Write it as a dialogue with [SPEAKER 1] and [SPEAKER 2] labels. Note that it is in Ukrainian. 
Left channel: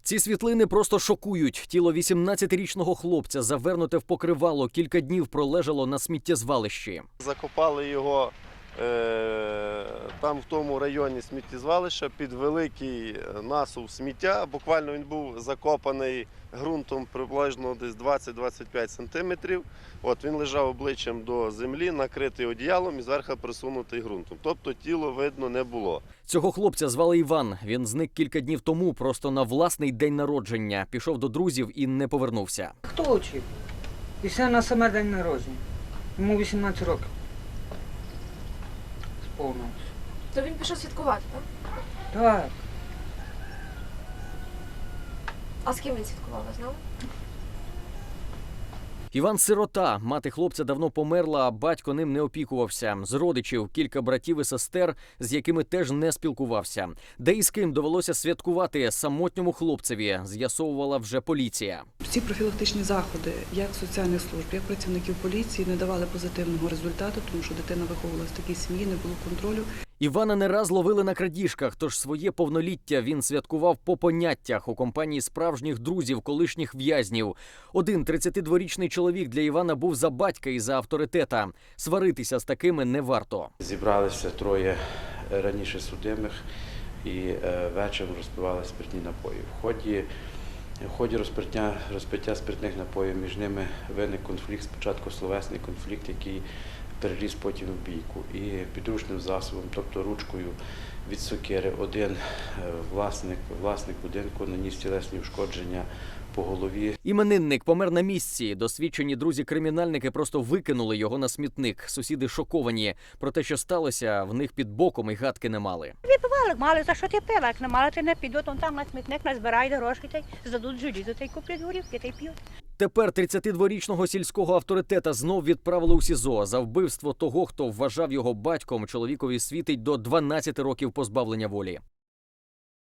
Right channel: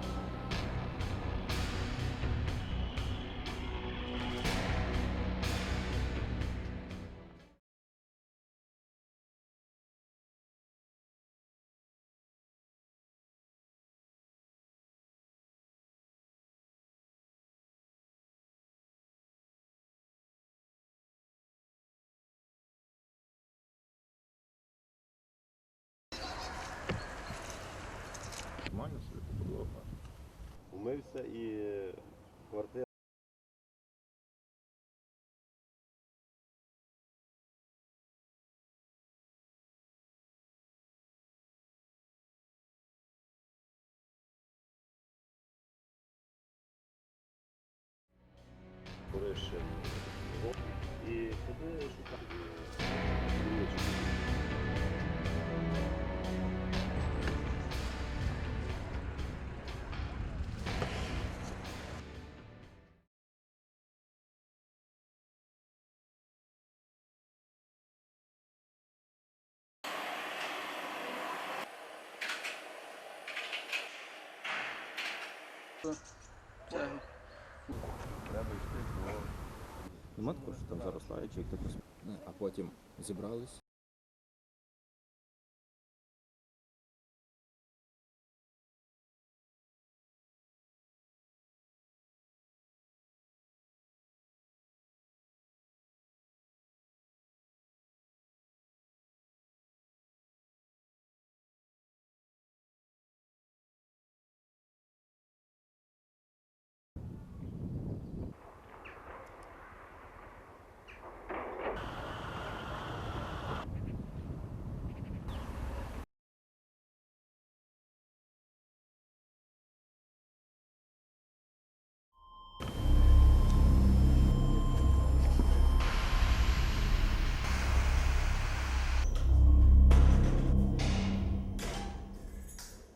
[SPEAKER 1] Ці світлини просто шокують. Тіло 18-річного хлопця, завернуте в покривало, кілька днів пролежало на сміттєзвалищі.
[SPEAKER 2] Закопали його там в тому районі сміттєзвалища під великий насув сміття. Буквально він був закопаний ґрунтом приблизно десь 20-25 сантиметрів. От він лежав обличчям до землі, накритий одіялом і зверху присунутий ґрунтом. Тобто тіло видно не було.
[SPEAKER 1] Цього хлопця звали Іван. Він зник кілька днів тому просто на власний день народження. Пішов до друзів і не повернувся.
[SPEAKER 3] Хто учив? І все на саме день народження. Йому 18 років. Сповнилось.
[SPEAKER 4] То він пішов святкувати, так?
[SPEAKER 3] Так.
[SPEAKER 4] А з ким він святкував, ви знали?
[SPEAKER 1] Іван сирота. Мати хлопця давно померла, а батько ним не опікувався. З родичів кілька братів і сестер, з якими теж не спілкувався. Де і з ким довелося святкувати самотньому хлопцеві, з'ясовувала вже поліція.
[SPEAKER 5] Ці профілактичні заходи, як соціальних служб, як працівників поліції, не давали позитивного результату, тому що дитина виховувалася в такій сім'ї, не було контролю.
[SPEAKER 1] Івана не раз ловили на крадіжках, тож своє повноліття він святкував по поняттях у компанії справжніх друзів, колишніх в'язнів. Один 32-річний чоловік для Івана був за батька і за авторитета. Сваритися з такими не варто.
[SPEAKER 6] Зібралися троє раніше судимих і вечором розпивали спиртні напої. В ході розпиття спиртних напоїв між ними виник конфлікт, спочатку словесний конфлікт, який переріс потім в бійку. І підручним засобом, тобто ручкою від сокири, один власник будинку наніс тілесні ушкодження по голові.
[SPEAKER 1] Іменинник помер на місці. Досвідчені друзі-кримінальники просто викинули його на смітник. Сусіди шоковані. Про те, що сталося, в них під боком і гадки не мали.
[SPEAKER 7] Випивали, мали, за що ти пила? Як не мали, ти не підуть, он там на смітник назбирають гроші, та й здадуть желізо, та й куплять горівки, та й п'ють.
[SPEAKER 1] Тепер 32-річного сільського авторитета знов відправили у СІЗО. За вбивство того, хто вважав його батьком, чоловікові світить до 12 років позбавлення волі.